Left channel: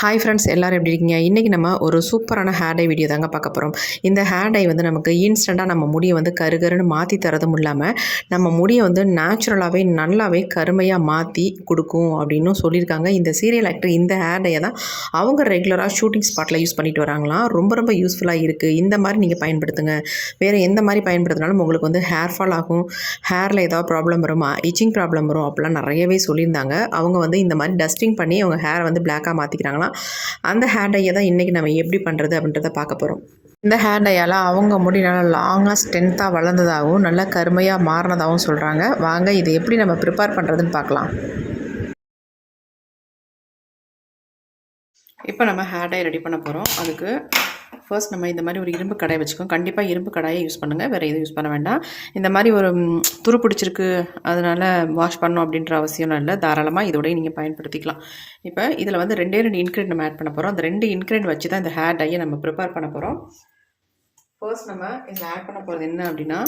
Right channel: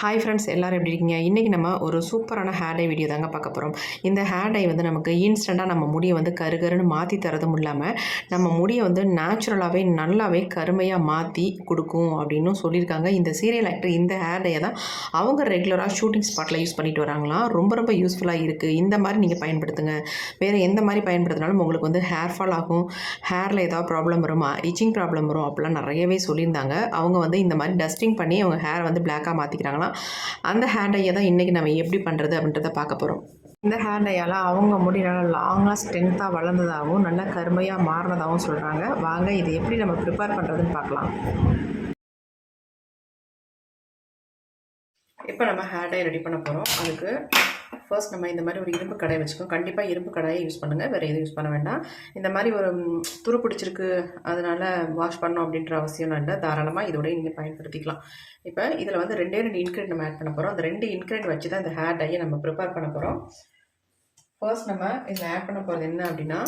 Hi friends எல்லோரும் எப்படி இருக்கீங்க? இன்றைக்கி நம்ம ஒரு சூப்பரான ஹேர் டை வீடியோ தாங்க பார்க்க போகிறோம் இந்த ஹேர் டை வந்து நமக்கு இன்ஸ்டண்ட்டாக நம்ம முடியை வந்து கருகருன்னு மாற்றி தரதும் இல்லாமல் நம்ம முடியை வந்து நேச்சுரலாகவே நல்லாவே கருமையாக மாற்றி கொடுக்கும் அப்படின்னும் சொல்லியிருக்காங்க. இந்த சீரியல் ஆக்டர் இந்த ஹேர் டையை தான் அவங்க ரெகுலராக ஷூட்டிங் ஸ்பாட்டில் யூஸ் பண்ணிட்டு வராங்களாம். ரொம்ப ரொம்ப யூஸ்ஃபுல்லாக இருக்குது இந்த மாதிரி நீங்கள் பயன்படுத்துங்க. வேறு எந்த மாதிரி பயன்படுத்தினாலும் உங்களுக்கு வந்து ஹேர் ஃபால் ஆகும். ஹேரில் ஏதாவது ப்ராப்ளம் வருமா? இச்சிங் ப்ராப்ளம் வரும் அப்படிலாம் நிறையவே சொல்லியிருந்தாங்க. அவங்க வந்து இந்த மாதிரி டஸ்டிங் பண்ணி அவங்க ஹேரை வந்து பிளாக்காக மாற்றிக்கிறாங்களாம் அந்த ஹேர் டையை தான் இன்றைக்கி நம்ம எப்படி பண்ணுறது அப்படின்றத பார்க்க போகிறோம் இந்த ஹேர் டையால் அவங்க முடி நல்லா லாங்காக ஸ்ட்ரென்த்தாக வளர்ந்ததாகவும் நல்லா கருமையாக மாறினதாகவும் சொல்கிறாங்க வாங்க இது எப்படி நம்ம ப்ரிப்பேர் பண்ணுறதுன்னு பார்க்கலாம். இப்போ நம்ம ஹேர் டை ரெடி பண்ண போகிறோம் அதுக்கு ஃபர்ஸ்ட் நம்ம இந்த மாதிரி ஒரு இரும்பு கடாய் வச்சுக்கோம் கண்டிப்பாக இரும்பு கடாயை யூஸ் பண்ணுங்கள் வேறு எதுவும் யூஸ் பண்ண வேண்டாம். இந்த மாதிரி ஒரு துரு பிடிச்சிருக்கு. அதனால் வாஷ் பண்ணணும் அப்படின்ற அவசியம்லாம் இல்லை. தாராளமாக இதோடய நீங்கள் பயன்படுத்திக்கலாம். இப்போ இதில் வந்து ரெண்டே ரெண்டு இன்க்ரீட் நம்ம ஆட் பண்ண போகிறோம் அந்த ரெண்டு இன்க்ரீட் வச்சு தான் இந்த ஹேர் டையை நம்ம ப்ரிப்பேர் பண்ண போகிறோம் ஃபர்ஸ்ட் நம்ம இதில் ஆட் பண்ண போகிறது என்ன அப்படின்னா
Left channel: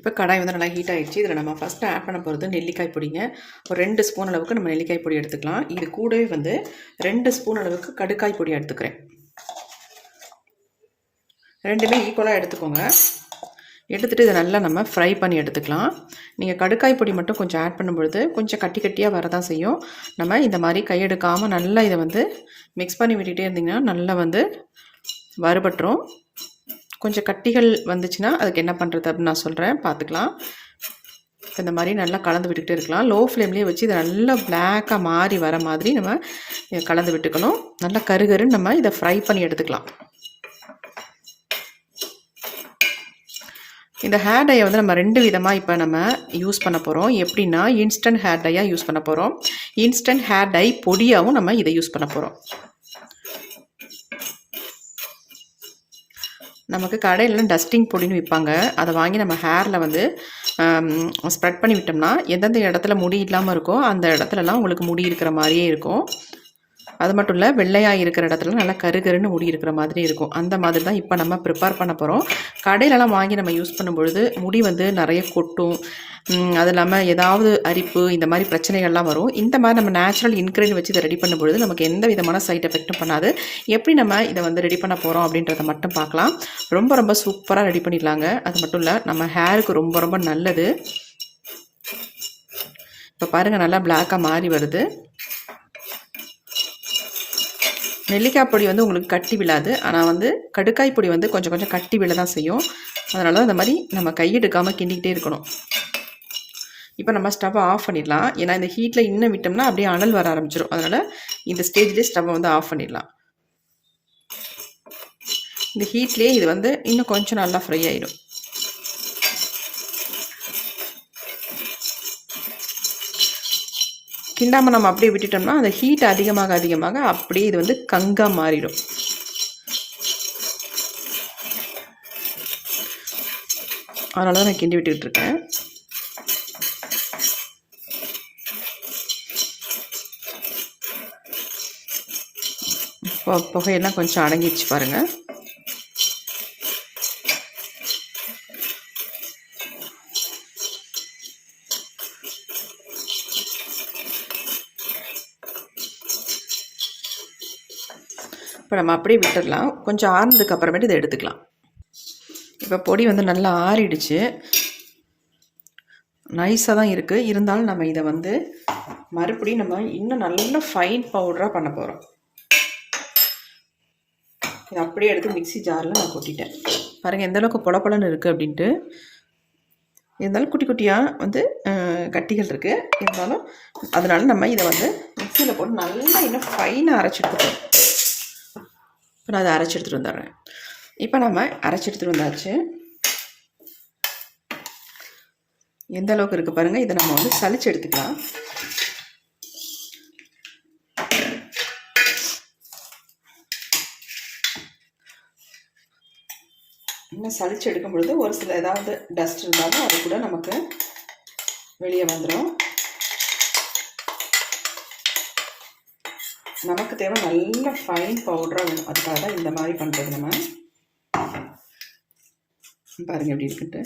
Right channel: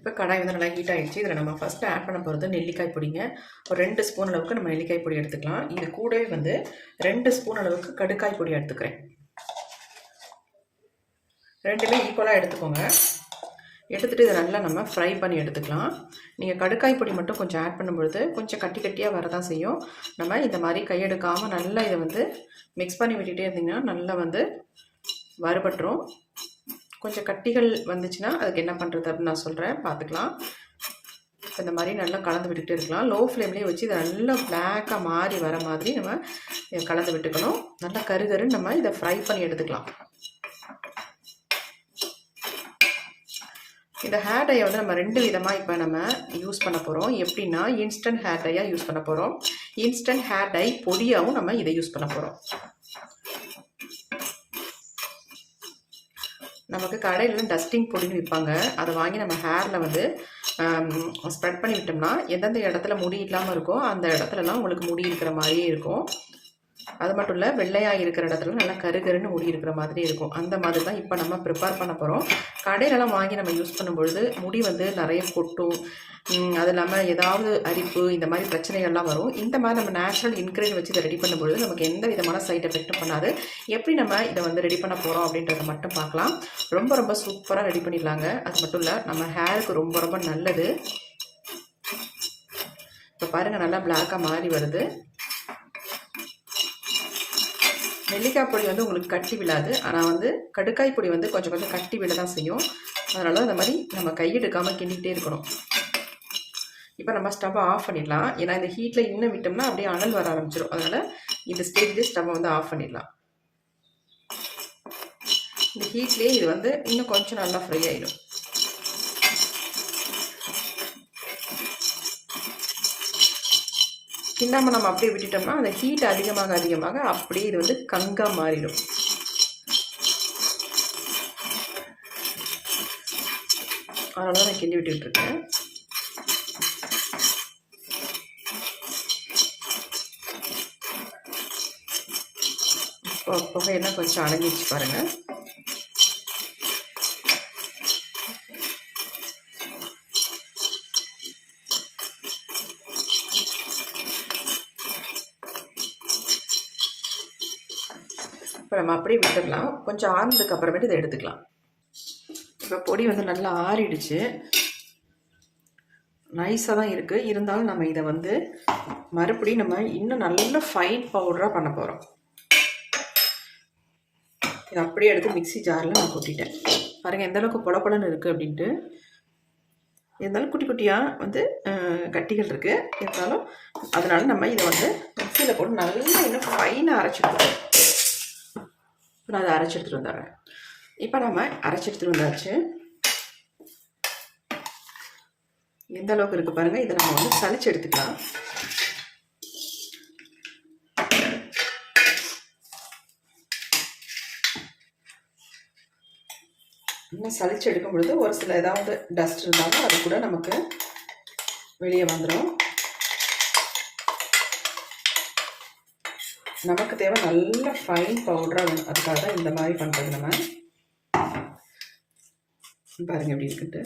இப்போ கடாய் வந்து நல்லா ஹீட் ஆகிடுச்சு இதில் நம்ம ஃபஸ்ட்டு ஆட் பண்ண போகிறது நெல்லிக்காய் பொடிங்க. ஒரு ரெண்டு ஸ்பூன் அளவுக்கு நம்ம நெல்லிக்காய் பொடி எடுத்துக்கலாம். இது கூடவே வந்து ரெண்டு ஸ்பூன் அளவுக்கு கடுக்காய் பொடி எடுத்துக்கிறேன். ரெண்டுமே ஈக்குவலாக எடுத்துக்கோங்க. எடுத்துகிட்டு இதை நல்லா நம்ம ஃப்ரை பண்ணி எடுத்துக்கலாம். நீங்கள் கடுக்காய் பொடி மட்டும் கொஞ்சம் ஆட் பண்ணும்பொழுது கொஞ்சம் கட்டி கட்டியாக வரதான் செய்யும். நம்ம இந்த மாதிரி கையெடுக்காமல் நல்லா இதை வந்து மிக்ஸ் பண்ணி விட்டுகிட்டே இருந்தீங்கன்னா நல்லா வந்து வறுபட்டுரும். கொஞ்சம் கட்டிகள் வந்துச்சுன்னா அதுக்கு என்ன பண்ணுறது அப்படின்னு நான் சொல்கிறேன் பார்த்துக்கலாம் இந்த மாதிரி நல்லா கலந்து விட்டுக்கிட்டே இருக்கலாம். லோ ஃப்ளேம்லேயே வச்சு இதை நல்லா பிளாக்காக மாறி வர மாதிரி நம்ம இதை கலந்து விட்டுக்கணும். நல்லா கருகருன்னு நம்ம இதை ஃப்ரை பண்ணி எடுத்துக்கலாம். இந்த ஹேர் டையை வந்து நம்ம ரெண்டு விதமாக இப்போ நம்ம யூஸ் பண்ண போகிறோம் எப்படின்னா இன்ஸ்டன்ட் ஹேர் டையாக யூஸ் பண்ண போகிறோம் இன்ஸ்டன்ட் ஹேர் டை பொடியாகவும் நம்ம இதை யூஸ் பண்ண போகிறோம் நமக்கு கடையில் டஸ்டிங் பொடின்னு விற்பாங்க அதை வாங்கி நம்ம ஹேரில் வந்து ஸ்ப்ரெட் பண்ணி விட்டோம்னா எந்தெந்த இடத்துல முடி இல்லாமல் இருக்கோ அந்த இடத்துலலாம் உங்களுக்கு முடி இருக்கிற மாதிரியே இருக்கும். அது மட்டும் இல்லை வெள்ளையாக இருக்கிற இடத்துல நல்லா கருகருன்னு முடி இருக்கிற மாதிரி இருக்கும். அந்த மாதிரி தான் இப்போ நம்ம ப்ரிப்பேர் பண்ண போகிறோம் கடையிலலாம் வாங்கி நம்ம யூஸ் பண்ணும்பொழுது முடி வந்து நிறைய கொட்டும். அது இல்லாமல் ஏதாவது அரிப்பு இந்த மாதிரி பிரச்சனைகள்லாம் வரும். இந்த மாதிரி நம்ம நேச்சுரல் இன்க்ரீடியன் வச்சு இதை ரெடி பண்ணும்பொழுது நமக்கு எந்த விதமான சைட் எஃபெக்ட்டும் பண்ணாது. எப்படி நம்ம இதை வந்து ரெடி பண்ண போகிறோம் அப்படின்றத மட்டும் பார்க்கலாம். ரொம்ப ரொம்ப சூப்பராக ரெடி பண்ணிடலாங்க. அது மட்டும் இல்லை நம்ம ஹேருக்கு ரொம்ப ரொம்ப நல்லது. இப்போ பாருங்கள் நல்லா பிளாக்காக மாறி வருது. நெல்லிக்காய் பொடி வந்து உங்களுக்கு கட்டி விழாது. ஆனால் வந்து கடுக்காய் பொடி வந்து கொஞ்சம் கொஞ்சம் கட்டி விழ தான் செய்யும். அதனால தான் இந்த மாதிரி நம்ம கையெடுக்காமல் கிண்டிக்கிட்டே இருக்கணும். இப்போ நம்ம ஸ்டவ்வை ஆஃப் பண்ணிடலாம். ஏன்னா இந்த ஹீட்டில் இன்னும் விட்டோம்னா அப்படியே அனல் வர ஆரம்பிச்சிடும் அதனால் இந்த ஸ்டேஜ்லேயே ஸ்டவ்வை வந்து ஆஃப் பண்ணிடலாம். இந்த ஹீட்லேயே இது வந்து இன்னும் கொஞ்சம் நல்லா ஃப்ரை ஆயிடும். கிண்டாமல் நம்ம அப்படியே விட்டுட்டோம்னா அந்த ஹீட் அதிகமாக அதிகமாக அப்படியே இது வந்து கங்காக மாறிடும். அதனால தான் நான் கிண்டி விட்டுக்கிட்டு இருக்கேன். புகையெல்லாம் கொஞ்சம் அடங்கிடுச்சு பாருங்கள் நம்ம அப்படியே விட்டுடலாம். கொஞ்சம் ஆறுனதுக்கு அப்புறமேட்டு இதை எடுத்துக்கலாம். இப்போ பொடி வந்து நல்லா ஆறிடுச்சு. நைஸாக தான் இருக்குது இருந்தாலும் நம்ம இதை வந்து மறுபடியும் நம்ம இன்னும் நல்ல ஃபைன் பவுடராக பண்ண போகிறோம் இதை அப்படியே எடுத்து மிக்ஸி ஜாரில் நான் கொட்டிட்டேன். பாருங்கள் எந்த அளவுக்கு இருக்குது அப்படின்ட்டு. இருந்தாலும் குட்டி குட்டியாக வந்து கட்டிகள் இருக்குது இருந்தாலும் அதனால் நம்ம இதை வந்து மிக்சியில் போட்டு நல்லா இன்னும் ஃபைனாக அரைச்சிட்டு இப்போ நான் அதை அரைச்சி எடுத்துகிட்டு வந்துடுறேன். இப்போ நம்ம அரைச்சி எடுத்துகிட்டு வந்தாச்சு. எந்த அளவுக்கு இருக்குது பாருங்கள் இதை நம்ம வந்து சளிச்சு எடுத்துக்கலாம். இன்னும் சளிச்சு எடுக்கும் பொழுது ஒரு சில ஏதாவது டஸ்ட் இருந்தாலும் அது கூட நமக்கு வெளியே வந்துடும் நமக்கு தேவை நல்ல ஃபைன் பவுடராக வேணும். அதுக்காக தான் இந்த மாதிரி பண்ணுறது நம்ம. பாருங்கள் எப்படி இருக்குன்ட்டு.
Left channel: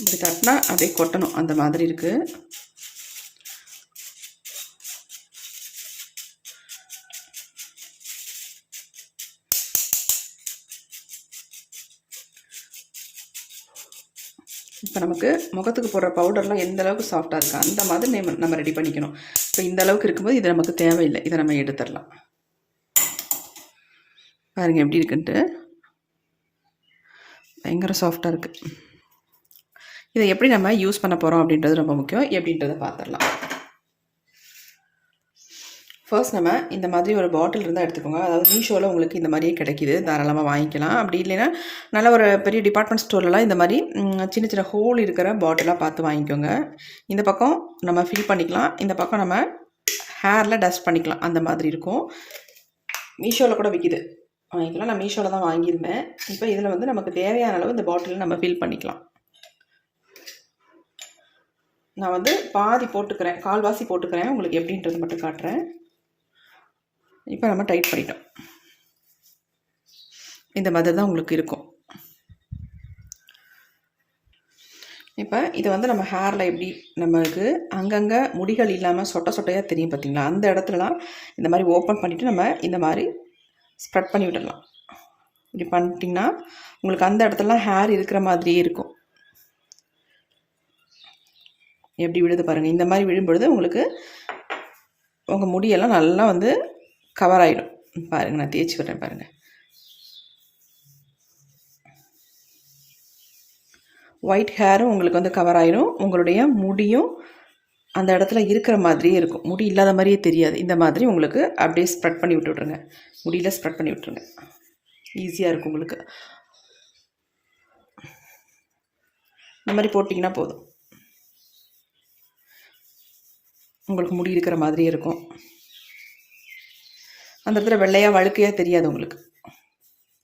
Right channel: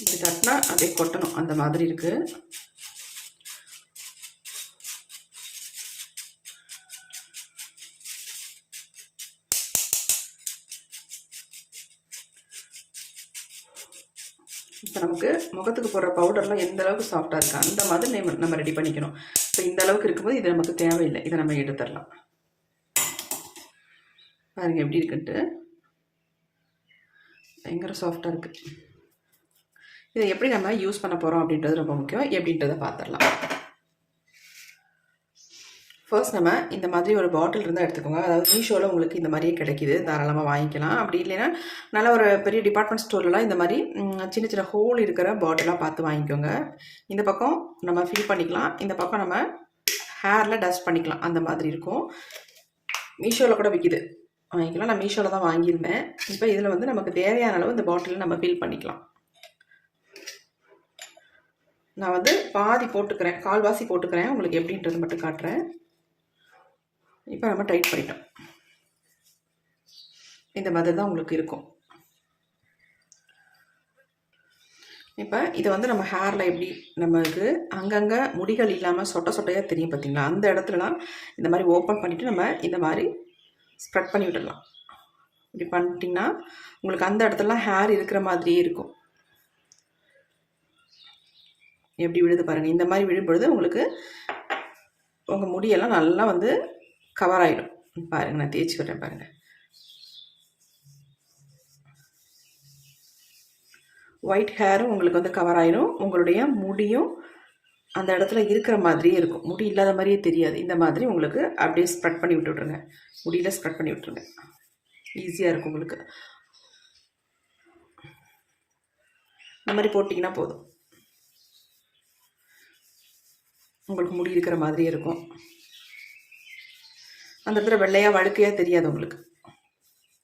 இப்படி தட்டினா அப்படியே கொட்டணும். அந்த மாதிரி இருக்குது நமக்கு முகத்துக்கு போடுற பவுடர்லாம் எந்த அளவுக்கு சாஃப்டாக இருக்கா அந்த மாதிரி நம்ம நம்ம ரெடி பண்ணிக்கணும். இப்போ இந்த அளவுக்கு இருக்கும்போது இது நமக்கு தேவையில்லை. இதை நம்ம எடுத்துடலாம். பாருங்கள் எப்படி இருக்குன்ட்டு. பயங்கர சாஃப்டாக இருக்குது இதை எப்படி நம்ம யூஸ் பண்ண போகிறோம் அப்படின்றது ரொம்ப முக்கியம். எப்படின்றத பார்த்துடலாம். ஃபர்ஸ்ட் நம்ம இந்த மாதிரி ஒரு பாட்டில் இருந்தால் எடுத்துக்கோங்க. அதாவது மீஷோவில் உங்களுக்கு இந்த மாதிரியே கிடைக்கிது. தாராளமாக வாங்கிக்கலாம். அப்படி இல்லைன்னா நல்ல ஒரு பெரிய டிபார்ட்மெண்ட் ஸ்டோர்லலாம் இந்த மாதிரி சின்ன சின்ன ஹோல் இருக்கிற பாட்டிலாக பார்த்து வாங்கிக்கோங்க. இந்த பக்கம் நம்ம ஃபில் பண்ணிக்கலாம். இந்த பக்கம் நம்ம ஹேரில் டஸ்ட் பண்ணிக்கலாம். அந்த மாதிரி இருக்கும். மீஷோவில் கூட விற்கிது வாங்கிக்கலாம். நான் மீஷோவில் தான் வாங்கியிருந்தேன். இப்போ இதில் வந்து நமக்கு தேவையான அளவு இந்த பாட்டிலில் நம்ம ஃபில் பண்ணிக்கலாம். நான் வந்து பாதி போட்டுக்கிறேன். கால்வாசி போட்டுக்கிறேன். உங்களுக்கு எப்படின்றது மட்டும் காட்டுறேன். இப்போ நம்ம டைட் பண்ணிட்டோம். இந்த மாதிரி தான் உங்களுக்கு இருக்கும். இப்போ இதை வந்து நம்ம ஹேரில் எப்படி நமக்கு அங்கங்கே முடிகள் இல்லாமல் சொட்ட சொட்டையாக தெரியும் பார்த்தீங்களா? அந்த இடத்துலலாம் இந்த மாதிரி ஓப்பன் பண்ணிவிட்டு நம்ம இந்த மாதிரி ஸ்ப்ரெட் பண்ணி விடலாம் இப்படி பண்ணிட்டிங்கன்னா உங்களுக்கு அந்த இடத்துலலாம் ஹேர் இருக்கிற மாதிரியே இருக்கும். எப்படி விழுது பாருங்கள் இந்த மாதிரி விழும்பொழுது உங்களுக்கு உங்கள் முடியெல்லாம் நல்லா வந்து கவர் ஆகிடும் பாருங்கள் நான் தேய்ச்சி விட்றேன் பாருங்கள் ஒயிட் ஹேரும் உங்களுக்கு வந்து கவர் ஆகிடும் உங்களுடைய முடியும் அந்த இடத்துல இருக்கிற மாதிரியே இருக்கும். முடி இல்லாத மாதிரியே தெரியாது. இந்த மாதிரி உங்களுக்கு அப்படியே ஸ்ப்ரெட் பண்ணி விட்டுட்ருங்க முடியில் ஸ்ப்ரெட் பண்ணி விட்டுருங்க. ஈஸியாக இருக்கும் உங்களுக்கு. இந்த மாதிரி போட்டிங்கன்னா போதும். உங்களுக்கு முடி இருக்கிற மாதிரியே இருக்கும். அந்த இடத்துல வெள்ளையாக வழுக்கையாக தெரியாது உங்களுக்கு.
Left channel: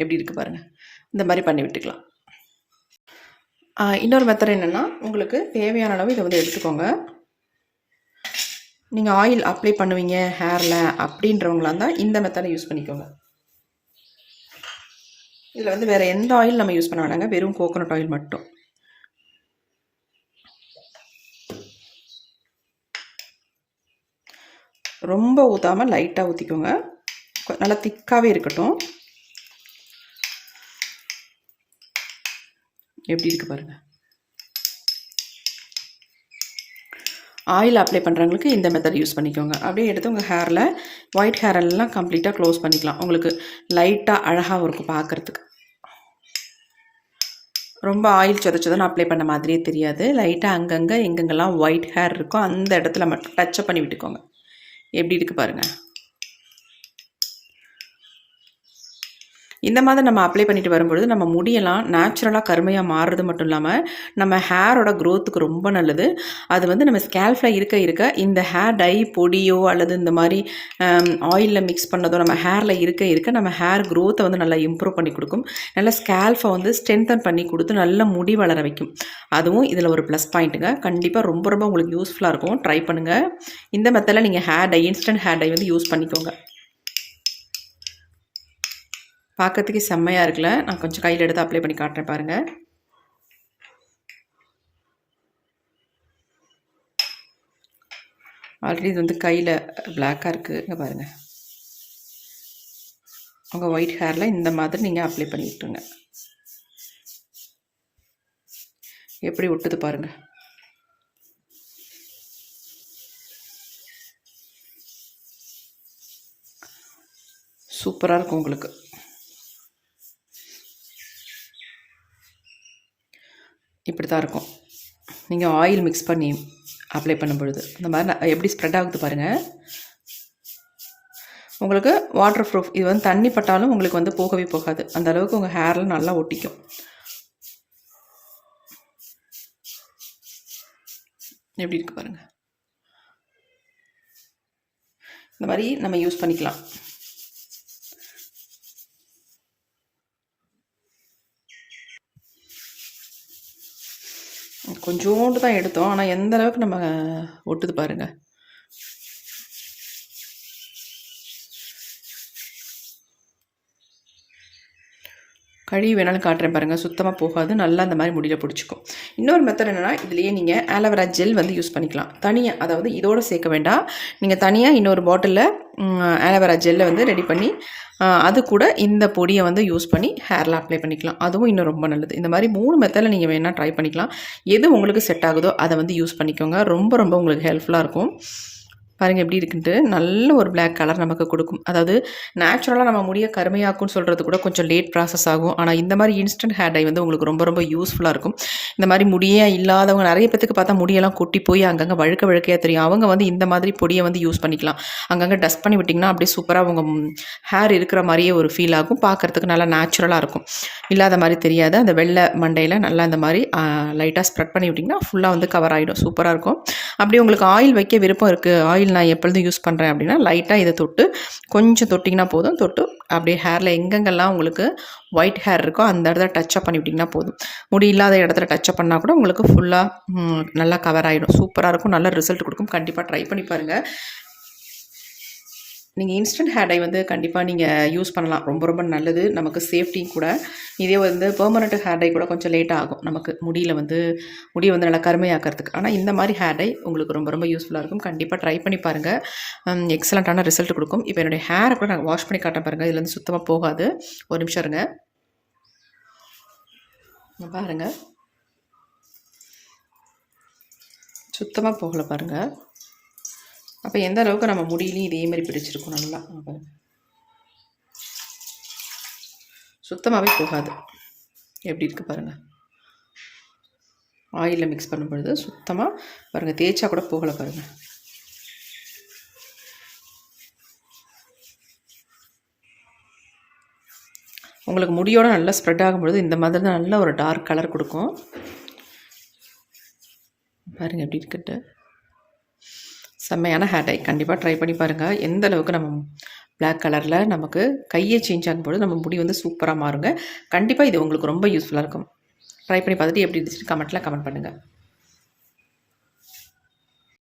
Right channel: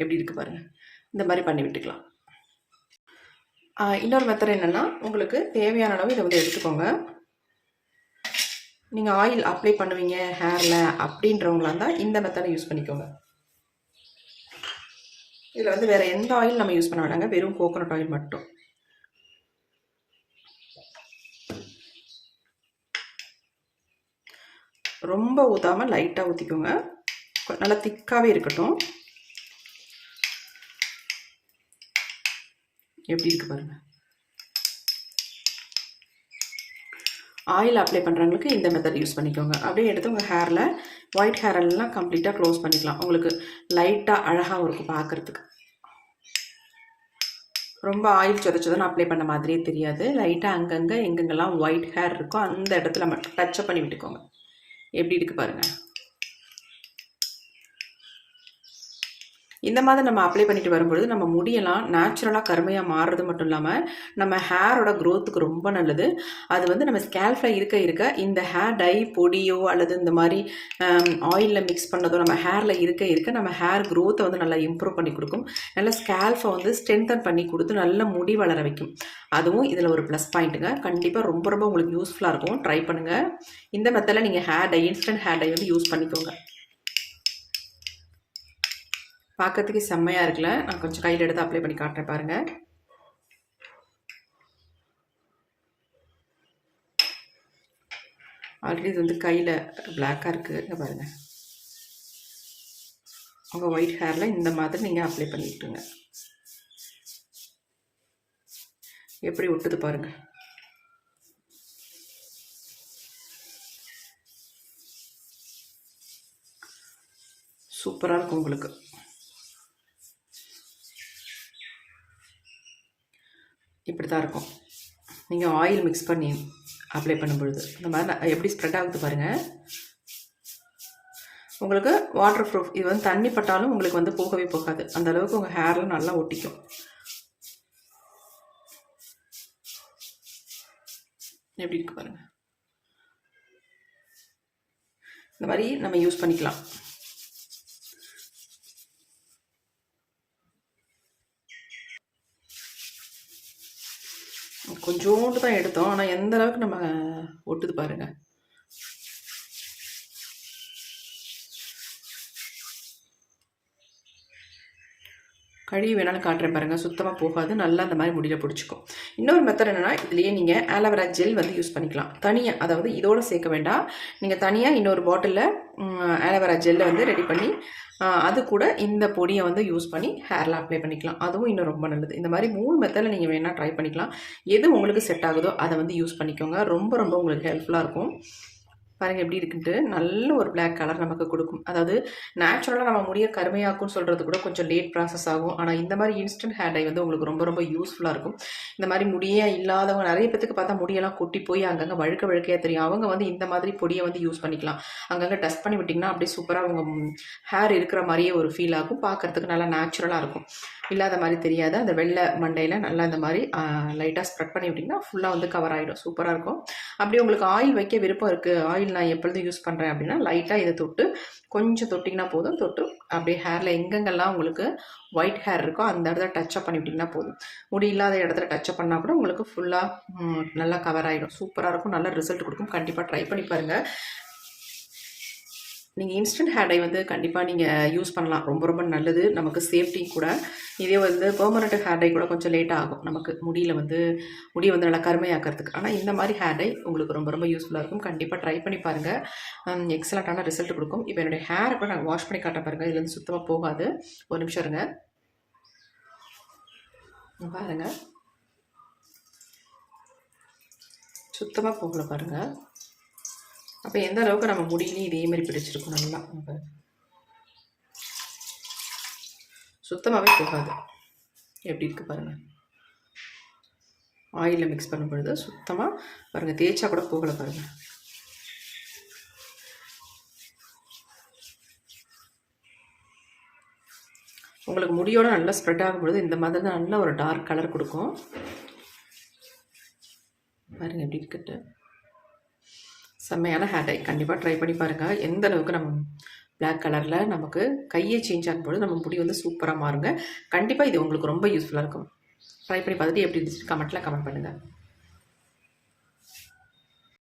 எப்படி இருக்குது பாருங்கள் இந்த மாதிரி பண்ணி விட்டுக்கலாம். இன்னொரு மெத்தட் என்னென்னா உங்களுக்கு தேவையான அளவு இதை வந்து எடுத்துக்கோங்க. நீங்கள் ஆயில் அப்ளை பண்ணுவீங்க ஹேரில் அப்படின்றவங்களா இருந்தால் இந்த மெத்தடை யூஸ் பண்ணிக்கோங்க. இதில் வந்து வேறு எந்த ஆயில் நம்ம யூஸ் பண்ண வேணாங்க. வெறும் கோகோனட் ஆயில் மட்டும். ரொம்ப ஊற்றாமல் லைட்டாக ஊற்றிக்கோங்க நல்லா திக்காகவே இருக்கட்டும். எப்படி இருக்குது பாருங்க. ஆயில் அப்ளை பண்ணுறவங்களுக்கு இந்த மெத்தட் யூஸ் பண்ணிக்கோங்க. அப்படியே எடுத்து உங்கள் ஹேரில் ஒயிட் ஹேர் எல்லாம் கம்ப்ளீட்டாக க்ளோஸ் பண்ணிக்கலாம். உங்களுக்கு லைட்டாக அழகாகவும் இருக்கும் பார்க்குறதுக்கு ரொம்ப ஆயில் சொதச்சதுன்னு அப்ளை பண்ண மாதிரியே தெரியாது. லைட்டாக அங்கங்கே எங்கெங்கெல்லாம் ஒயிட் ஹேர் இருக்கோ அந்த இடத்துல மட்டும் டச்சப் பண்ணி விட்டுக்கோங்க. எப்படி இருக்கு பாருங்கள் இந்த மாதிரி நம்ம அப்ளை பண்ணிட்டு வரும்பொழுது நம்ம முடியெல்லாம் நேச்சுரலாக கருமையாக மாறுறது மட்டும் இல்லாமல் நம்ம ஹேரோட க்ரோத்துக்கு ரொம்ப நல்லது. அது வந்து நம்ம ஸ்கேல்ஃபில் இருக்க இருக்க இந்த ஹேர் டை பொடியோ அல்லது இந்த மாதிரி ஆயிலில் மிக்ஸ் பண்ணதோ நம்ம ஹேரில் இருக்க இருக்க நம்ம ஹேர் க்ரோத்தை வந்து நல்லா இம்ப்ரூவ் பண்ணி கொடுக்கும். நல்ல ஸ்கேல்ஃபை வந்து ஸ்ட்ரென்தன் பண்ணி கொடுத்து நல்ல முடி வளர வைக்கும். அதுவும் இதில் ஒரு ப்ளஸ் பாயிண்ட்டுங்க கண்டிப்பாக ரொம்ப ரொம்ப உங்களுக்கு யூஸ்ஃபுல்லாக இருக்கும். ட்ரை பண்ணுங்கள் இந்த மெத்தடில் நீங்கள் hair dye instant hair dye வந்து யூஸ் பண்ணிக்கோங்க. பார்க்கறதுக்கு செம்மையாக இருக்குல்ல. நான் கொஞ்சம் கையில் எடுத்து அப்ளை பண்ணி காட்டுறேன் பாருங்கள் ஆல்ரெடி இது வந்து கையில் பிளாக்காக இருக்குது பாருங்கள் உங்கள் ஒயிட் ஹேரில் இந்த மாதிரி நீங்கள் அப்ளை பண்ணி விட்டுருங்க. எப்படி ஒட்டுது பாருங்கள் சூப்பராக இருக்கும் உங்களுக்கு. இப்படி தான் இருக்கும். நீங்கள் ஆயில் மிக்ஸ் பண்ணி அப்ளை பண்ணும் பொழுது இந்த மாதிரி நான் எப்படி ஸ்ப்ரெட் ஆகுது பாருங்கள் உங்களுக்கு வாட்டர் ப்ரூஃப் இது வந்து தண்ணி பட்டாலும் உங்களுக்கு வந்து போகவே போகாது. அந்த அளவுக்கு உங்கள் ஹேரில் நல்லா ஒட்டிக்கும். எப்படி இருக்கு பாருங்கள் இந்த மாதிரி நம்ம யூஸ் பண்ணிக்கலாம். கொஞ்சோண்டு தான் எடுத்தோம். ஆனால் எந்த அளவுக்கு நம்ம ஒட்டுது பாருங்க. கழுவி வேணாலும் காட்டுறேன் பாருங்கள் சுத்தமாக போகாது. நல்லா அந்த மாதிரி முடியல பிடிச்சிக்கும். இன்னொரு மெத்தட் என்னென்னா இதுலேயே நீங்கள் ஆலோவேரா ஜெல் வந்து யூஸ் பண்ணிக்கலாம். தனியாக அதாவது இதோடு சேர்க்க வேண்டாம். நீங்கள் தனியாக இன்னொரு பாட்டிலில் ஆலோவேரா ஜெல்லை வந்து ரெடி பண்ணி அது கூட இந்த பொடியை வந்து யூஸ் பண்ணி ஹேரில் அப்ளை பண்ணிக்கலாம். அதுவும் இன்னும் ரொம்ப நல்லது. இந்த மாதிரி மூணு மெத்தடில் நீங்கள் வேணால் ட்ரை பண்ணிக்கலாம். எது உங்களுக்கு செட் ஆகுதோ அதை வந்து யூஸ் பண்ணிக்கோங்க. ரொம்ப ரொம்ப உங்களுக்கு ஹெல்ப்ஃபுல்லாக இருக்கும். பாருங்கள் எப்படி இருக்குன்ட்டு நல்ல ஒரு பிளாக் கலர் நமக்கு கொடுக்கும். அதாவது நேச்சுரலாக நம்ம முடிய கருமையாக்கும்னு சொல்கிறது கூட கொஞ்சம் லேட் ப்ராசஸ் ஆகும். ஆனால் இந்த மாதிரி இன்ஸ்டன்ட் ஹேர் டை வந்து உங்களுக்கு ரொம்ப ரொம்ப யூஸ்ஃபுல்லாக இருக்கும். இந்த மாதிரி முடியே இல்லாதவங்க நிறைய பேத்துக்கு பார்த்தா முடியெல்லாம் கொட்டி போய் அங்கங்கே வழுக்க வழுக்கையாக தெரியும். அவங்க வந்து இந்த மாதிரி பொடியை வந்து யூஸ் பண்ணிக்கலாம். அங்கங்கே டஸ்ட் பண்ணி விட்டிங்கன்னா அப்படியே சூப்பராக அவங்க ஹேர் இருக்கிற மாதிரியே ஒரு ஃபீல் ஆகும். பார்க்குறதுக்கு நல்லா நேச்சுரலாக இருக்கும். இல்லாத மாதிரி தெரியாது. அந்த வெள்ளை மண்டையில் நல்லா இந்த மாதிரி லைட்டாக ஸ்ப்ரெட் பண்ணி விட்டிங்கன்னா ஃபுல்லாக வந்து கவர் ஆகிடும் சூப்பராக இருக்கும். அப்படி உங்களுக்கு ஆயில் வைக்க விருப்பம் இருக்குது ஆயில் நான் எப்பொழுதும் யூஸ் பண்ணுறேன் அப்படின்னா லைட்டாக இதை தொட்டு கொஞ்சம் தொட்டிங்கன்னா போதும். தொட்டு அப்படியே ஹேரில் எங்கெங்கெல்லாம் உங்களுக்கு ஒயிட் ஹேர் இருக்கோ அந்த இடத்துல டச்சப் பண்ணிவிட்டிங்கன்னா போதும். முடி இல்லாத இடத்துல டச்சப் பண்ணால் கூட உங்களுக்கு ஃபுல்லாக நல்லா கவர் ஆகிடும் சூப்பராக இருக்கும். நல்ல ரிசல்ட் கொடுக்கும். கண்டிப்பாக ட்ரை பண்ணி பாருங்கள் நீங்கள் இன்ஸ்டன்ட் ஹேர் டை வந்து கண்டிப்பாக நீங்கள் யூஸ் பண்ணலாம். ரொம்ப ரொம்ப நல்லது. நமக்கு சேஃப்டி கூட. இதே வந்து பெர்மனண்ட் ஹேர் டை கூட கொஞ்சம் லேட் ஆகும். நமக்கு முடியில் வந்து முடியை வந்து நல்லா கருமையாக்கிறதுக்கு. ஆனால் இந்த மாதிரி ஹேர் டை உங்களுக்கு ரொம்ப ரொம்ப யூஸ்ஃபுல்லாக இருக்கும். கண்டிப்பாக ட்ரை பண்ணி பாருங்கள் எக்ஸலண்ட்டான ரிசல்ட் கொடுக்கும். இப்போ என்னுடைய ஹேரை கூட நான் வாஷ் பண்ணி காட்ட பாருங்கள் இதுலேருந்து சுத்தமாக போகாது. ஒரு நிமிஷம் இருங்க. பாருங்கள் பாருங்க. சுத்தமாக போகலை பாருங்கள் அப்போ எந்த அளவுக்கு நம்ம முடியிலையும் இதே மாதிரி பிடிச்சிருக்கோம் நல்லா இங்க சுத்தமாகவே போகாது. எப்படி இருக்குது பாருங்கள் ஆயிலில் மிக்ஸ் பண்ணும் பொழுது சுத்தமாக பாருங்கள் தேய்ச்சா கூட போகலை பாருங்கள் உங்களுக்கு முடியோட நல்லா ஸ்ப்ரெட் ஆகும் பொழுது இந்த மாதிரி தான் நல்ல ஒரு டார்க் கலர் கொடுக்கும். பாருங்கள் எப்படி இருக்கட்டு செம்மையான ஹேர் டை கண்டிப்பாக ட்ரை பண்ணி பாருங்கள் எந்த அளவுக்கு நம்ம பிளாக் கலரில் நமக்கு கையை சேஞ்ச் ஆகும்போது நம்ம முடி வந்து சூப்பராக மாறுங்க. கண்டிப்பாக இது உங்களுக்கு ரொம்ப யூஸ்ஃபுல்லாக இருக்கும். ட்ரை பண்ணி பார்த்துட்டு எப்படி இருந்துச்சு கமெண்ட்டில் கமெண்ட் பண்ணுங்கள்